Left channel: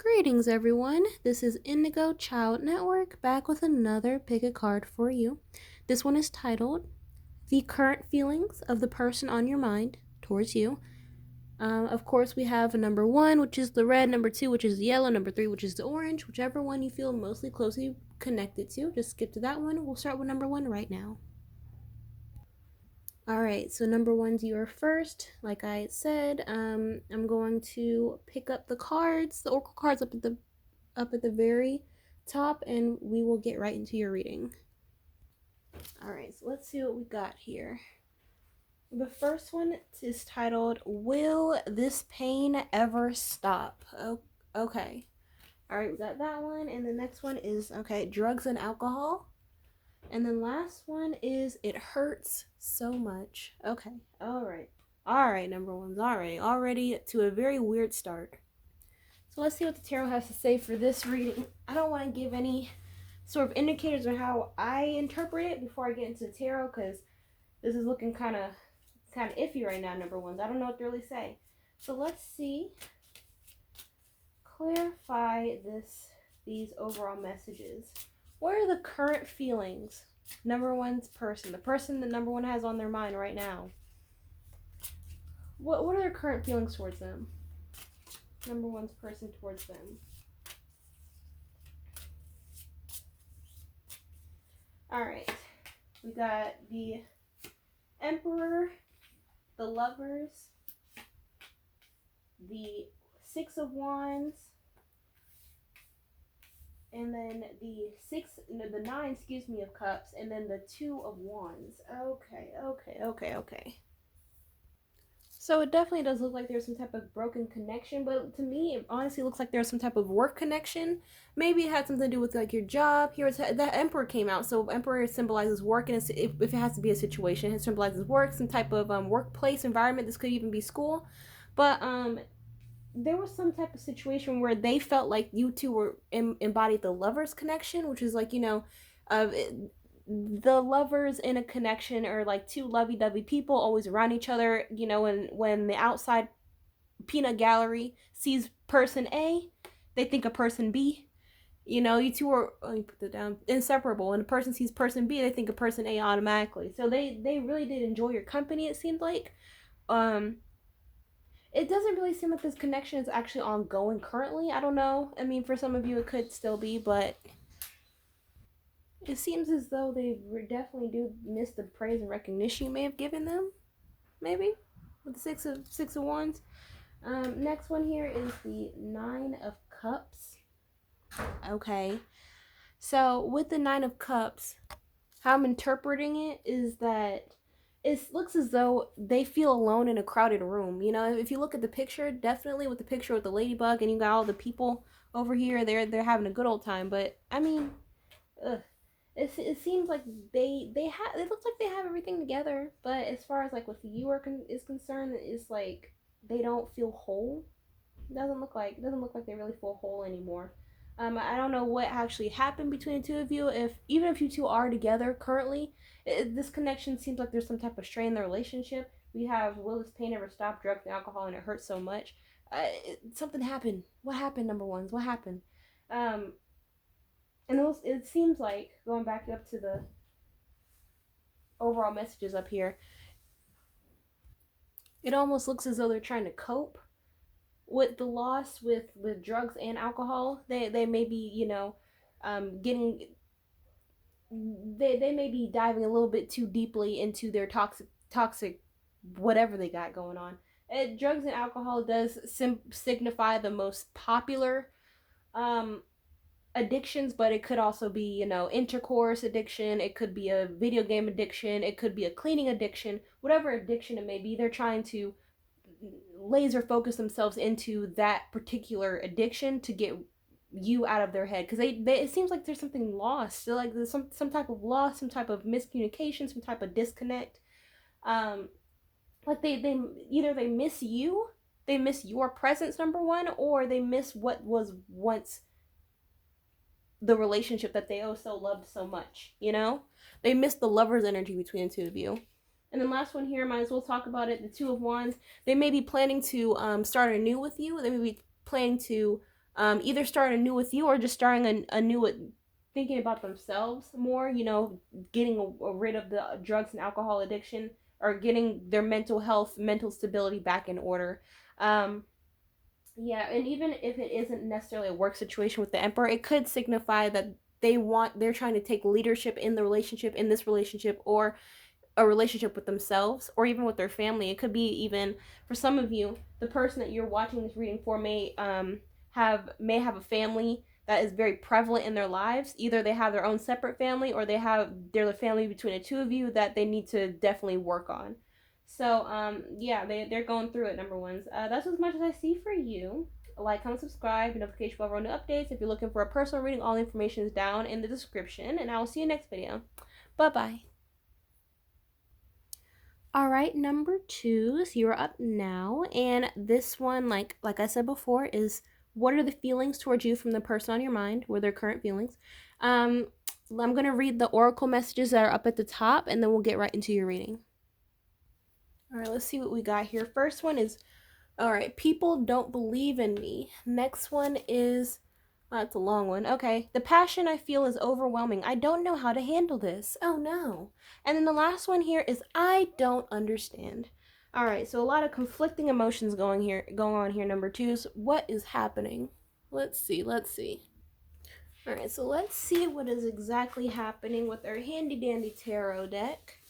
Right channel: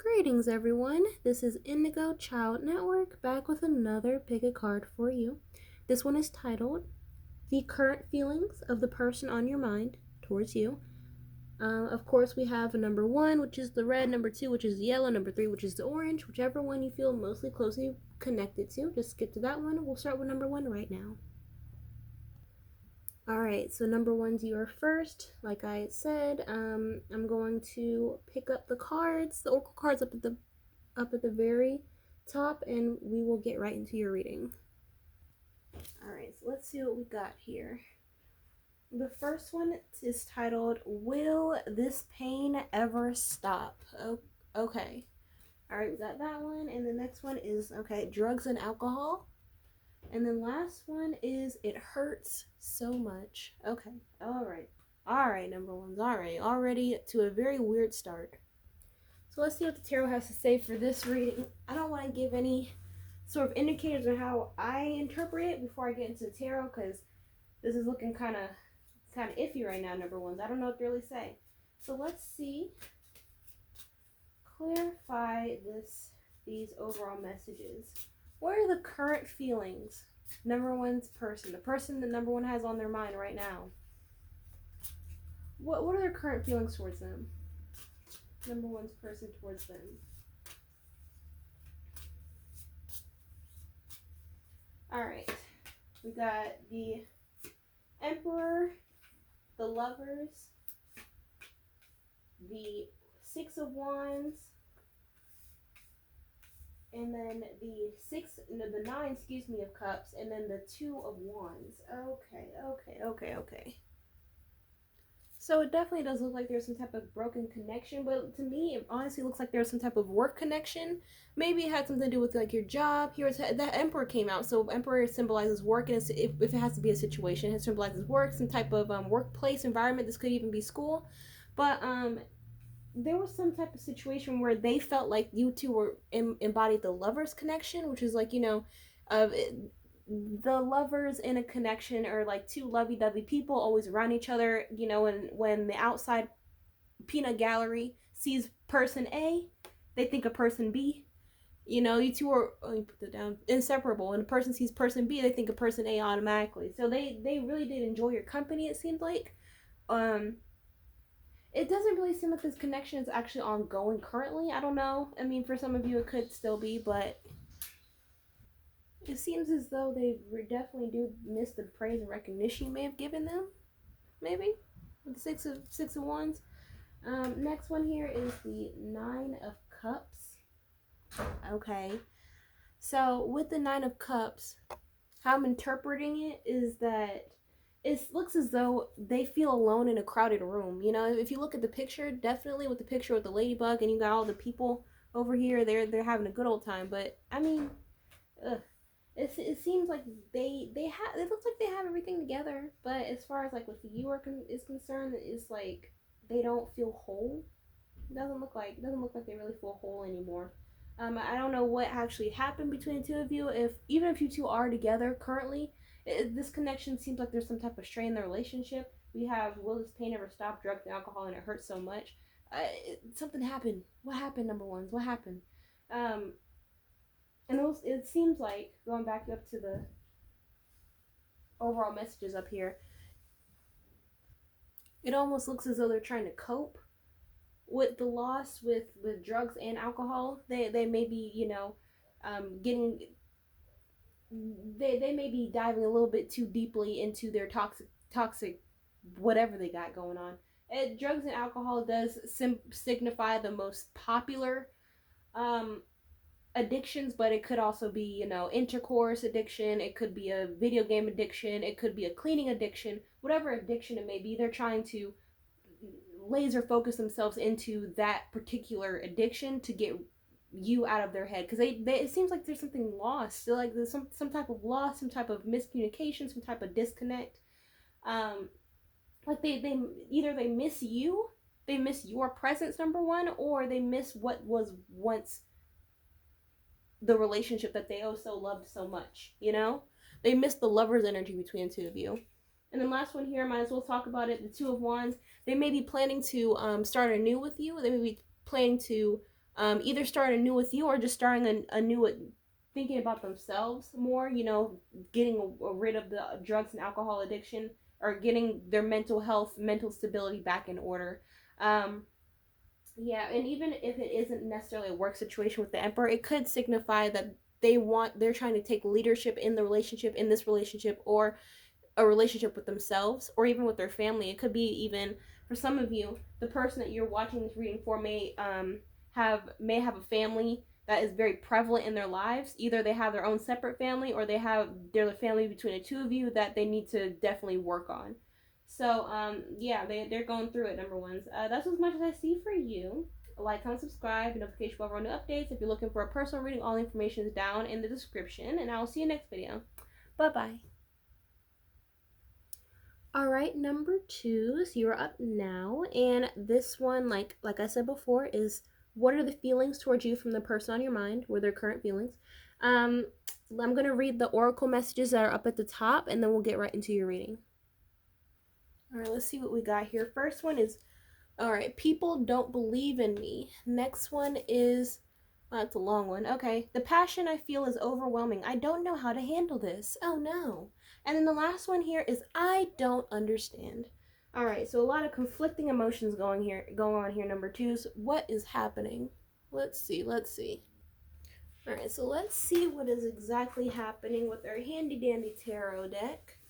Greetings, everyone. This is Indigo Child Network back with another pick a card for you. This one is titled The Current Feelings of the Person on Your Mind Towards You. Of course, we have number one, which is the red, number two, which is the yellow, number three, which is the orange, whichever one you feel mostly closely connected to. Just skip to that one. We'll start with number one right now. All right, so number one's your first. Like I said, I'm going to pick up the cards, the oracle cards up at the very top, and we will get right into your reading. All right, so let's see what we got here. The first one is titled, Will This Pain Ever Stop? Oh, okay. All right, we got that one. And the next one is, okay, drugs and alcohol. And then last one is, It Hurts So Much. Okay, all right. All right, number ones. All right, already to a very weird start. So let's see what the tarot has to say for this reading. I don't want to give any sort of indicators on how I interpret it before I get into the tarot, because this is looking kind of iffy right now, number ones. I don't know what to really say. So let's see. Clarify these overall messages. What are the current feelings? Number one's person. The person that number one has on their mind right now. What are their current feelings towards them? Number one's person towards them. Alright. We got the Emperor, the Lovers, the Six of Wands, and then the Nine, of Cups, and then the Two of Wands. Okay. So it definitely does look like there's some type of broken connection, but to me, it honestly looks like there's some type of work connection. Maybe it had something to do with like your job. Here, the Emperor came out, so Emperor symbolizes work, and if it has to be a situation, it symbolizes work, some type of workplace environment. This could even be school, but there was some type of situation where they felt like you two were embodied the lovers connection, which is like, the lovers in a connection are like two lovey-dovey people always around each other, and when the outside peanut gallery sees person A, they think of person B. You two are, let me put that down, inseparable. When a person sees person B, they think of person A automatically. So they really did enjoy your company, it seemed like. It doesn't really seem like this connection is actually ongoing currently. I don't know. I mean, for some of you, it could still be, but it seems as though they definitely do miss the praise and recognition you may have given them. Maybe with the six of wands. Next one here is the Nine of Cups. Okay, so with the Nine of Cups, how I'm interpreting it is that it looks as though they feel alone in a crowded room. If you look at the picture, definitely with the picture with the ladybug and you got all the people over here, they're having a good old time. But I mean, it seems like it looks like they have everything together. But as far as like with you is concerned, it's like they don't feel whole. It doesn't look like they really feel whole anymore. I don't know what actually happened between the two of you. Even if you two are together currently, this connection seems like there's some type of strain in the relationship. We have, will this pain ever stop? Drugs and alcohol, and it hurts so much. Something happened. What happened, number ones? What happened? And it seems like, going back up to the overall messages up here, it almost looks as though they're trying to cope with the loss with drugs and alcohol. They may be, getting, they may be diving a little bit too deeply into their toxic whatever they got going on. Drugs and alcohol does signify the most popular addictions, but it could also be, intercourse addiction. It could be a video game addiction. It could be a cleaning addiction. Whatever addiction it may be, they're trying to laser focus themselves into that particular addiction to get you out of their head, because they it seems like there's something lost. So like there's some type of loss, some type of miscommunication, some type of disconnect. Like they either they miss you, they miss your presence, number one, or they miss what was once the relationship that they also loved so much. They miss the lover's energy between the two of you. And then last one here, might as well talk about it. The Two of Wands. They may be planning to start anew with you. They may be planning to either starting anew with you or just starting anew with thinking about themselves more, getting rid of the drugs and alcohol addiction, or getting their mental health, mental stability back in order. Um, yeah, and even if it isn't necessarily a work situation with the emperor, it could signify that they're trying to take leadership in the relationship, in this relationship, or a relationship with themselves, or even with their family. It could be, even for some of you, the person that you're watching this reading for may have a family that is very prevalent in their lives. Either they have their own separate family, or they're the family between the two of you that they need to definitely work on. So yeah, they're going through it, number ones. That's as much as I see for you. Like, comment, subscribe, notification bell for new updates. If you're looking for a personal reading, all the information is down in the description, and I will see you next video. Bye bye. All right, number twos, you're up now, and this one, like I said before, is what are the feelings towards you from the person on your mind? What are their current feelings? I'm gonna read the oracle messages that are up at the top, and then we'll get right into your reading. All right, let's see what we got here. First one is, all right, people don't believe in me. Next one is, that's a long one. Okay, the passion I feel is overwhelming. I don't know how to handle this. Oh no. And then the last one here is, I don't understand. All right, so a lot of conflicting emotions going on here. Number twos, what is happening? Let's see. All right, so let's see what is exactly happening with our handy dandy tarot deck.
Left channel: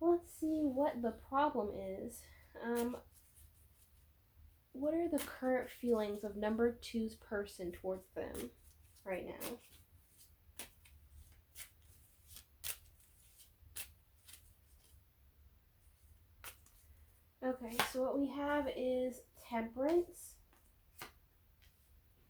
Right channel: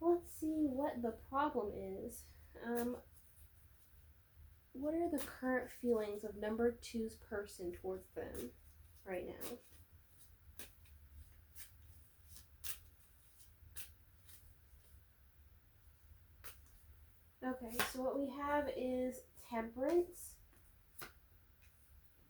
Let's see what the problem is. What are the current feelings of number two's person towards them right now? Okay, so what we have is Temperance,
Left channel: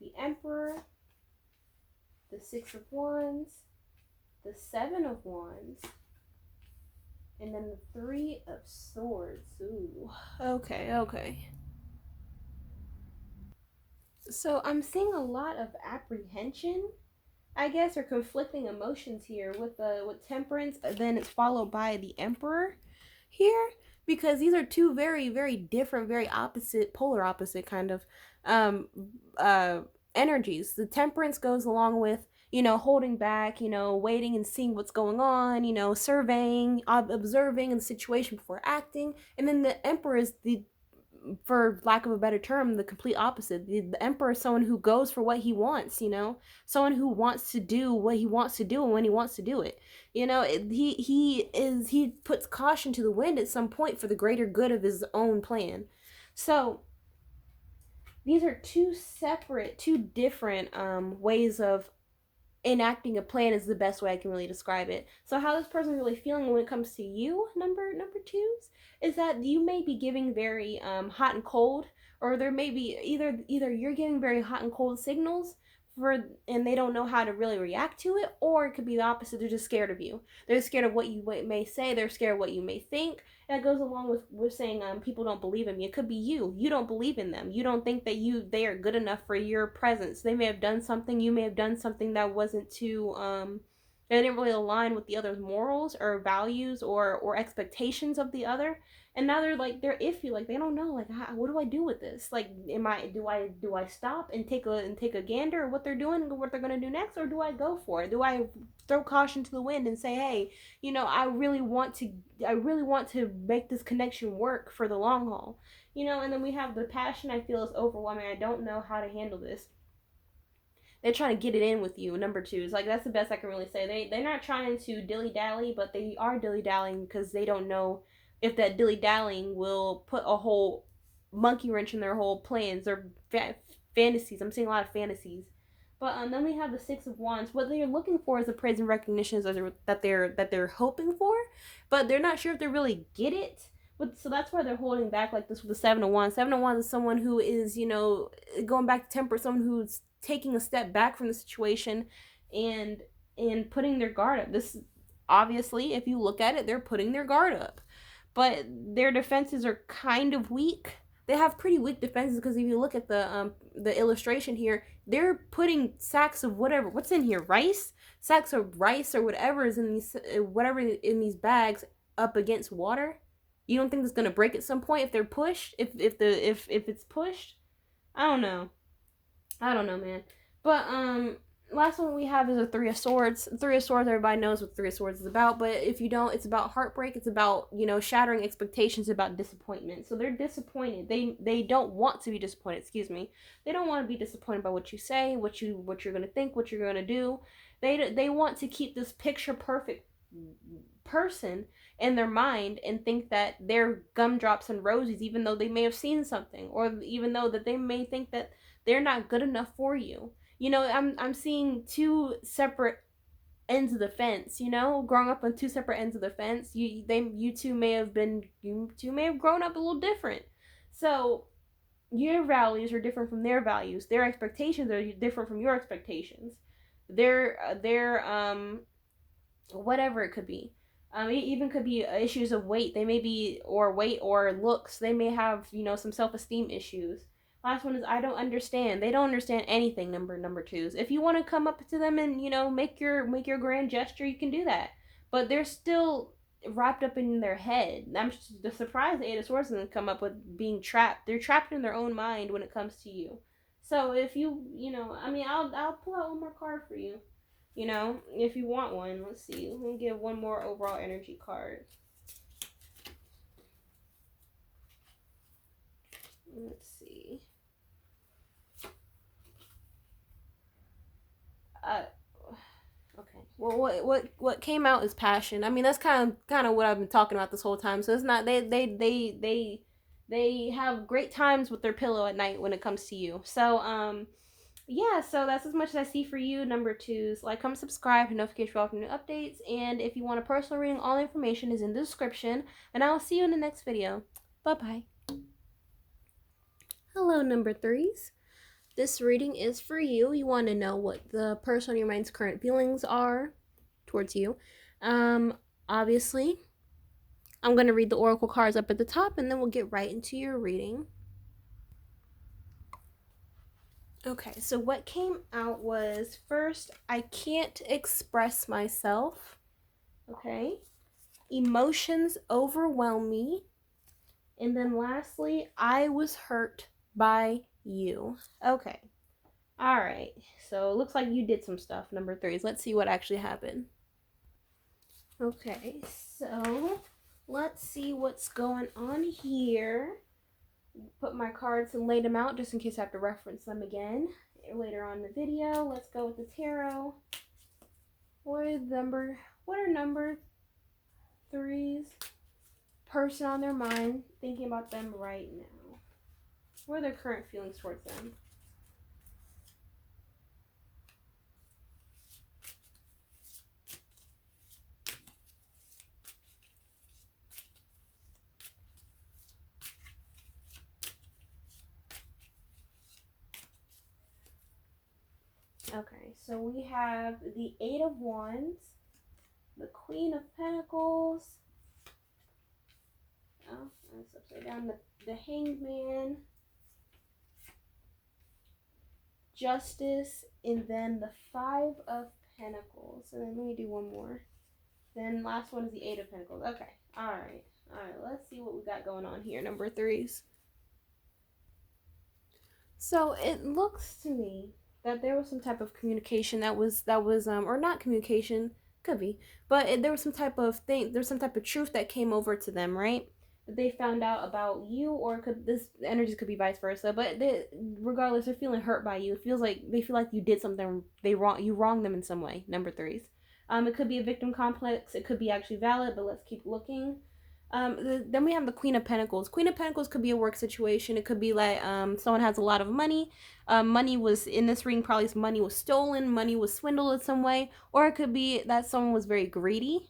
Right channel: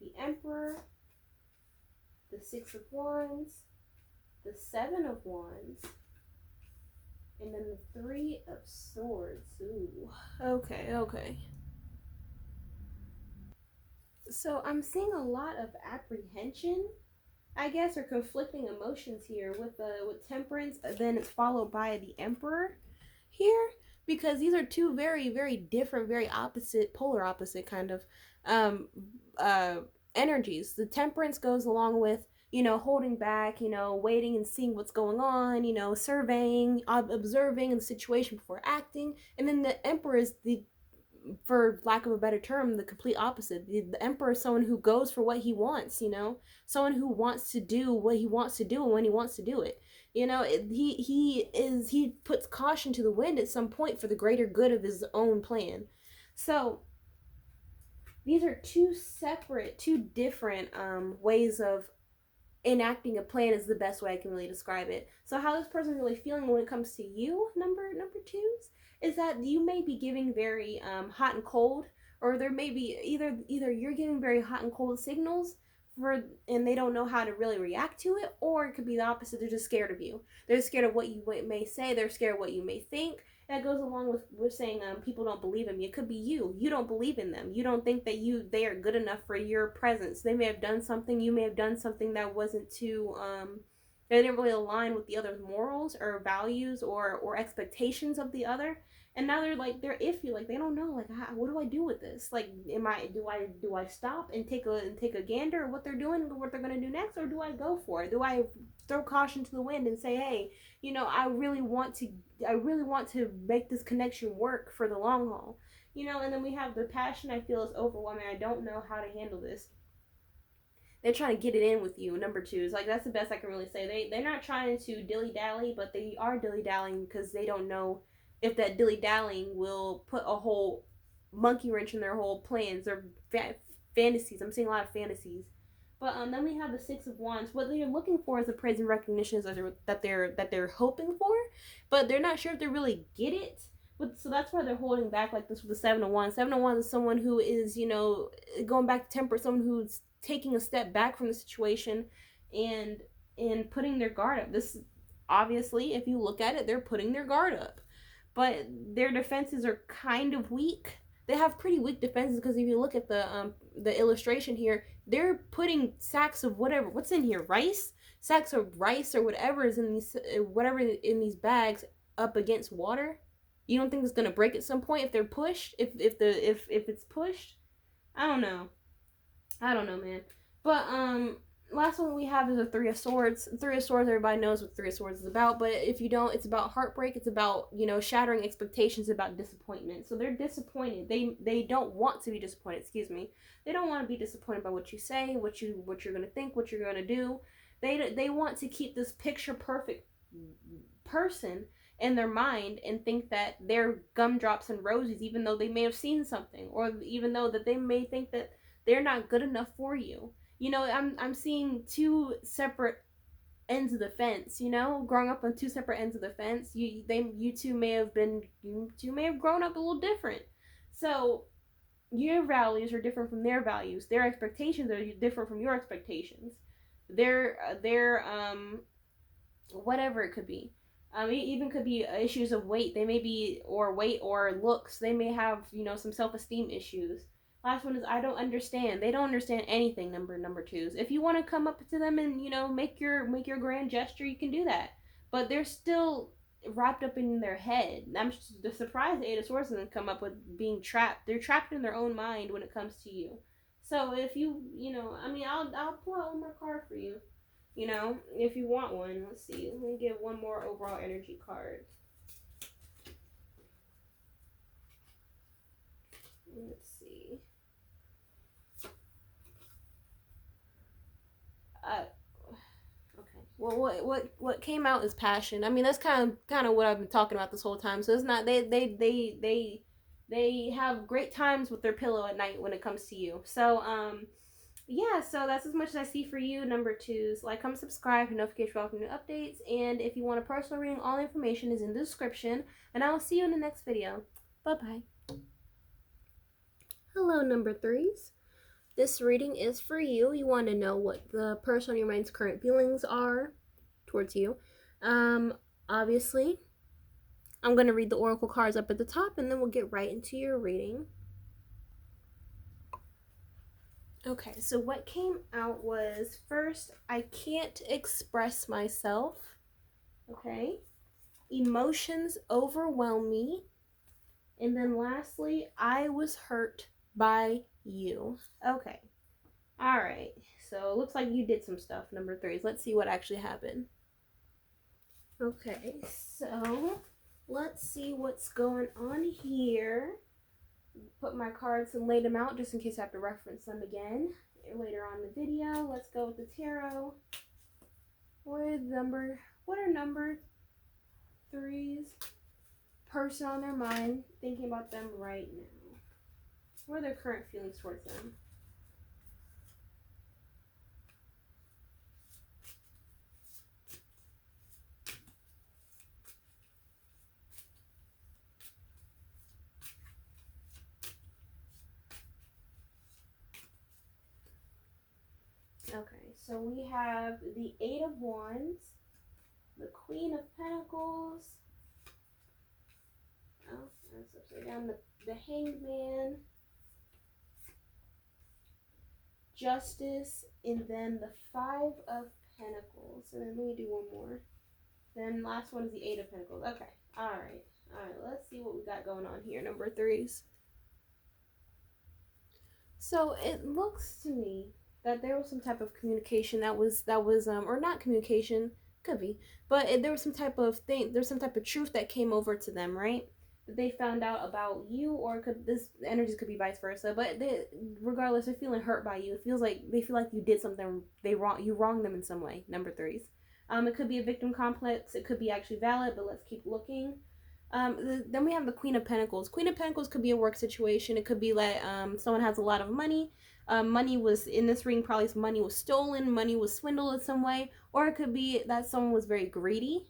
the Emperor, the Six of Wands, the Seven of Wands, and then the Three of Swords. Ooh, okay. So I'm seeing a lot of apprehension, I guess, or conflicting emotions here with Temperance. Then it's followed by the Emperor here, because these are two very, very different, very opposite, polar opposite kind of um uh energies. The Temperance goes along with, holding back, waiting and seeing what's going on, surveying, observing the situation before acting. And then the Emperor is, the for lack of a better term, the complete opposite. The Emperor is someone who goes for what he wants, someone who wants to do what he wants to do and when he wants to do it. He puts caution to the wind at some point for the greater good of his own plan. So these are two different ways of enacting a plan, is the best way I can really describe it. So how this person's really feeling when it comes to you, number twos, is that you may be giving very hot and cold, or there may be either you're giving very hot and cold signals and they don't know how to really react to it, or it could be the opposite. They're just scared of you. They're scared of what you may say. They're scared of what you may think. And it goes along with saying people don't believe in me. It could be you don't believe in them. You don't think that they are good enough for your presence. They may have done something. You may have done something that wasn't too that didn't really align with the other's morals or values or expectations of the other. And now they're iffy, like they don't know, like, what do I do with this? Like, do I stop and take a gander at what they're doing and what they're gonna do next, or do I go for it? Do I throw caution to the wind and say, hey, I really want to make this connection work for the long haul, And then we have the passion I feel is overwhelming. I don't know how to handle this. They're trying to get it in with you. Number two is, like, that's the best I can really say. They're not trying to dilly dally, but they are dilly dallying because they don't know if that dilly dallying will put a whole monkey wrench in their whole plans or fantasies. I'm seeing a lot of fantasies. But then we have the Six of Wands. What they're looking for is the praise and recognition that they're hoping for, but they're not sure if they really get it. So that's why they're holding back like this with the Seven of Wands. Seven of Wands is someone who is, going back to temper, someone who's taking a step back from the situation and putting their guard up. This, obviously, if you look at it, they're putting their guard up, but their defenses are kind of weak. They have pretty weak defenses because if you look at the illustration here, they're putting sacks of what's in here, sacks of rice or whatever is in these bags up against water. You don't think it's gonna break at some point if they're pushed? If it's pushed? I don't know. I don't know, man. But last one we have is a Three of Swords. Three of Swords, everybody knows what Three of Swords is about, but if you don't, it's about heartbreak. It's about, you know, shattering expectations, about disappointment. So they're disappointed. They don't want to be disappointed. Excuse me. They don't want to be disappointed by what you say, what you're gonna think, what you're gonna do. They want to keep this picture perfect person in their mind and think that they're gumdrops and roses, even though they may have seen something, or even though that they may think that they're not good enough for you. You know, I'm seeing two separate ends of the fence. You know, growing up on two separate ends of the fence. You two may have grown up a little different. So your values are different from their values. Their expectations are different from your expectations. Their whatever it could be. It even could be issues of weight. They may be, or weight or looks. They may have, you know, some self-esteem issues. Last one is I don't understand. They don't understand anything. Number twos. If you want to come up to them and, you know, make your grand gesture, you can do that. But they're still wrapped up in their head. I'm surprised the Eight of Swords doesn't come up with being trapped. They're trapped in their own mind when it comes to you. So if you know, I mean, I'll pull out one more card for you. You know, if you want one. Let's see. Let me get one more overall energy card. Let's see. Okay. Well, what came out is passion. I mean, that's kind of what I've been talking about this whole time. So it's not they have great times with their pillow at night when it comes to you. So yeah, so that's as much as I see for you. Number twos, like, comment, subscribe, notification for all new updates. And if you want a personal reading, all the information is in the description. And I will see you in the next video. Bye-bye. Hello, number threes. This reading is for you. You want to know what the person on your mind's current feelings are towards you. Obviously, I'm going to read the oracle cards up at the top, and then we'll get right into your reading. Okay, so what came out was, first, I can't express myself. Okay. Emotions overwhelm me. And then lastly, I was hurt by you. Okay. All right. So it looks like you did some stuff, number threes. Let's see what actually happened. Okay, so let's see what's going on here. Put my cards and laid them out just in case I have to reference them again later on in the video. Let's go with the tarot. What are number threes person on their mind thinking about them right now? What are their current feelings towards them? Okay, so we have the Eight of Wands, the Queen of Pentacles, oh, that's upside down, the Hanged Man, Justice, and then the Five of Pentacles. And then let me do one more. Then last one is the Eight of Pentacles. Okay, alright, let's see what we got going on here, number threes. So it looks to me that there was some type of communication that was or not communication, could be, but there was some type of truth that came over to them, right? That they found out about you, or this energy could be vice versa, but regardless, they're feeling hurt by you. It feels like they feel like you did something you wronged them in some way, number threes. It could be a victim complex, it could be actually valid, but let's keep looking. Then we have the Queen of Pentacles. Queen of Pentacles could be a work situation. It could be like someone has a lot of money. Money was, in this reading, probably money was stolen, money was swindled in some way, or it could be that someone was very greedy.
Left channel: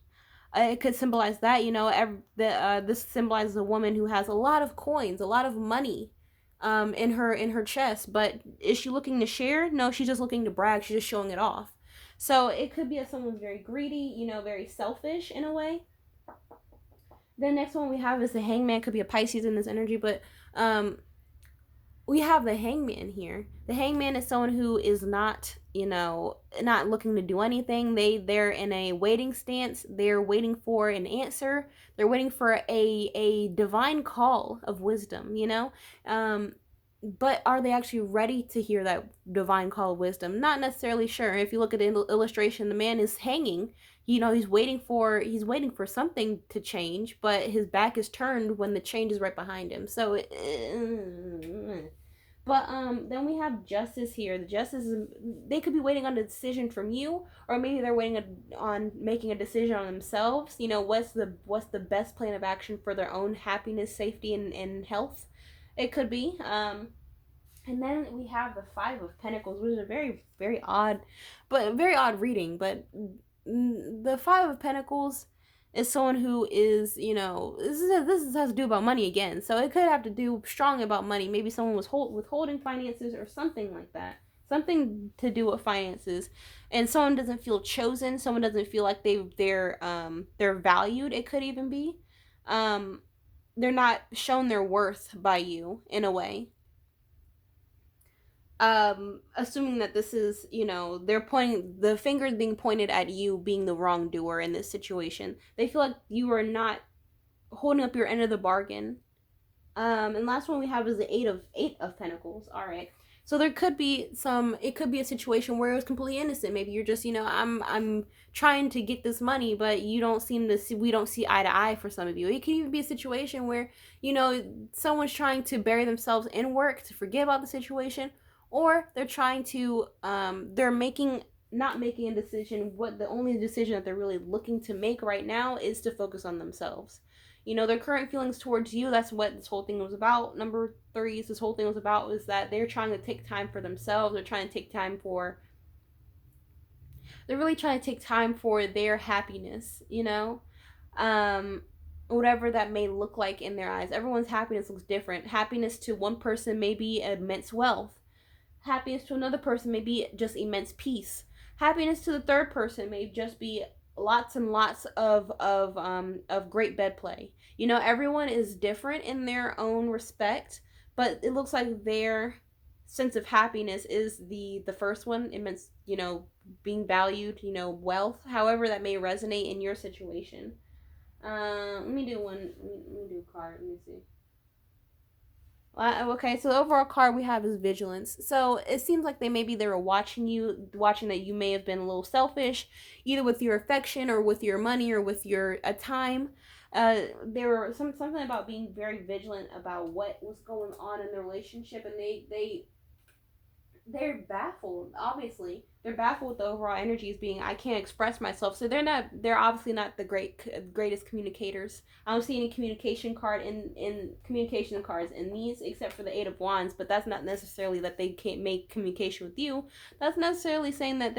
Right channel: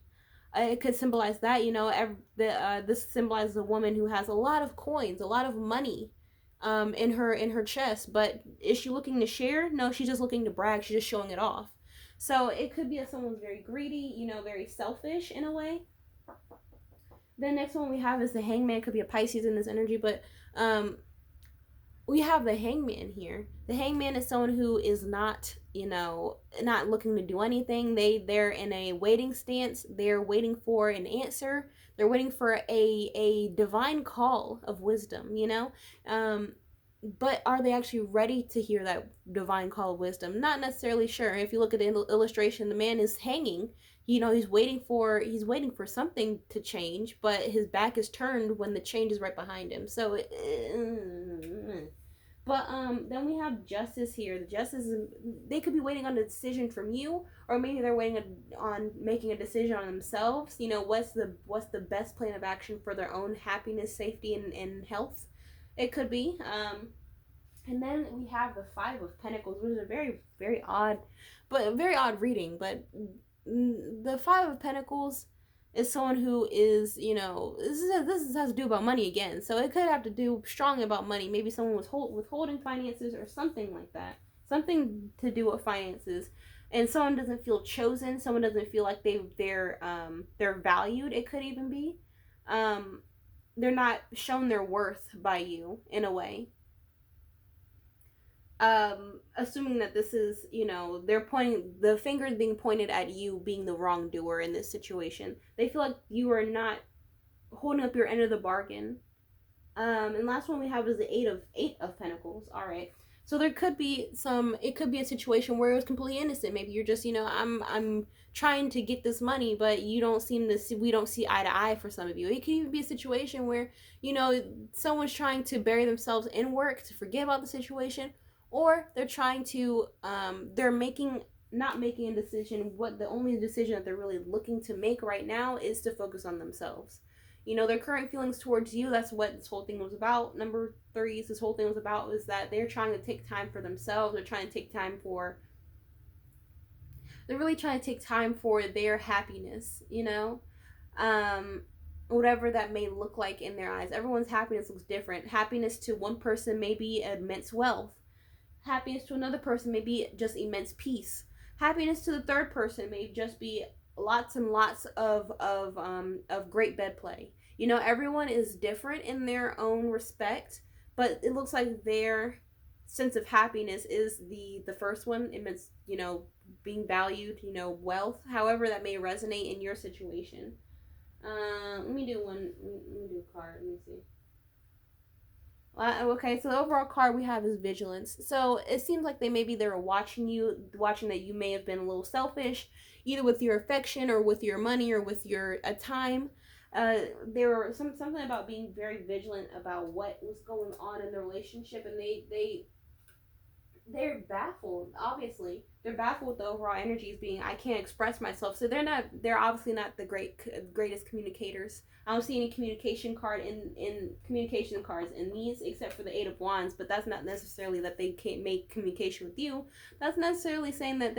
It could symbolize that, you know, this symbolizes a woman who has a lot of coins, a lot of money in her chest, but is she looking to share? No, she's just looking to brag. She's just showing it off. So it could be that someone's very greedy, you know, very selfish in a way. The next one we have is the Hangman. Could be a Pisces in this energy, but we have the Hangman here. The Hangman is someone who is not, you know, not looking to do anything. They're in a waiting stance. They're waiting for an answer. They're waiting for a divine call of wisdom, you know. but are they actually ready to hear that divine call of wisdom? Not necessarily sure. If you look at the illustration, the man is hanging. He's waiting for something to change, but his back is turned when the change is right behind him. So but then we have justice here. The justice is, they could be waiting on a decision from you, or maybe they're waiting on making a decision on themselves. What's the best plan of action for their own happiness, safety, and health. It could be. And then we have the Five of Pentacles, which is a very, very odd, but very odd reading. But the Five of Pentacles is someone who is, this has to do about money again. So it could have to do strongly about money. Maybe someone was withholding finances or something like that. Something to do with finances. And someone doesn't feel chosen. Someone doesn't feel like they're valued. It could even be. They're not shown their worth by you in a way. Assuming that this is, they're pointing, the fingers being pointed at you being the wrongdoer in this situation. They feel like you are not holding up your end of the bargain. And last one we have is the eight of Pentacles. All right. So it could be a situation where it's completely innocent. Maybe you're just, I'm trying to get this money, but we don't see eye to eye for some of you. It can even be a situation where, someone's trying to bury themselves in work to forget about the situation, or they're trying to, not making a decision. What the only decision that they're really looking to make right now is to focus on themselves. Their current feelings towards you, that's what this whole thing was about. Number 3, this whole thing was about, is that they're trying to take time for themselves. They're really trying to take time for their happiness, whatever that may look like in their eyes. Everyone's happiness looks different. Happiness to one person may be immense wealth. Happiness to another person may be just immense peace. Happiness to the third person may just be lots and lots of great bed play. Everyone is different in their own respect, but it looks like their sense of happiness is the first one. It means, being valued, wealth, however that may resonate in your situation. Let me do one. Let me do a card. Let me see. Okay, so the overall card we have is vigilance. So it seems like they were watching that you may have been a little selfish, either with your affection or with your money or with your time. There were something about being very vigilant about what was going on in the relationship, and they're baffled. Obviously, they're baffled with the overall energies being, I can't express myself. So they're obviously not the greatest communicators. I don't see any communication cards in these, except for the Eight of Wands. But that's not necessarily that they can't make communication with you. That's necessarily saying that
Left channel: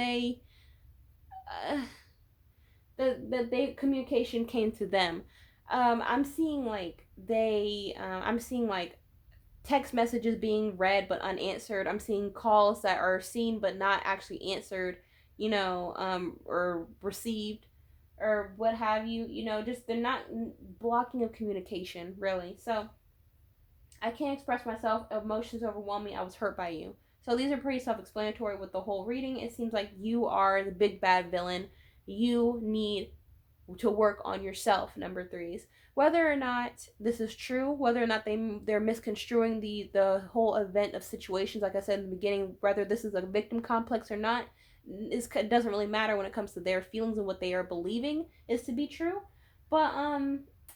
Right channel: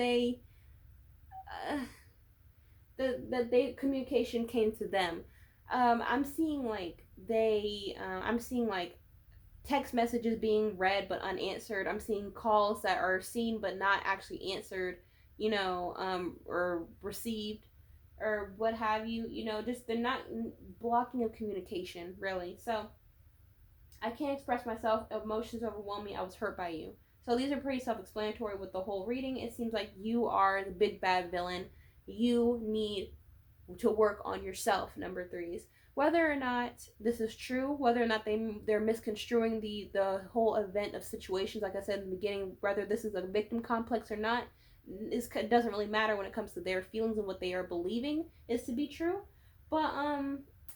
that communication came to them. I'm seeing text messages being read but unanswered. I'm seeing calls that are seen but not actually answered, or received, or what have you. Just they're not blocking of communication, really. So I can't express myself. Emotions overwhelm me. I was hurt by you. So these are pretty self-explanatory with the whole reading. It seems like you are the big bad villain. You need to work on yourself, number 3s. Whether or not this is true, whether or not they're misconstruing the whole event of situations, like I said in the beginning, whether this is a victim complex or not, it doesn't really matter when it comes to their feelings and what they are believing is to be true. But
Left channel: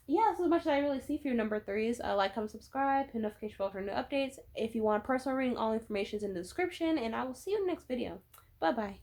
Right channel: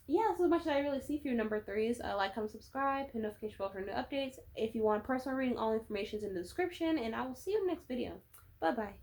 yeah, that's as much as I really see for you, number 3s. Like, comment, subscribe, hit notification bell for new updates. If you want personal reading, all information is in the description, and I will see you in the next video. Bye bye.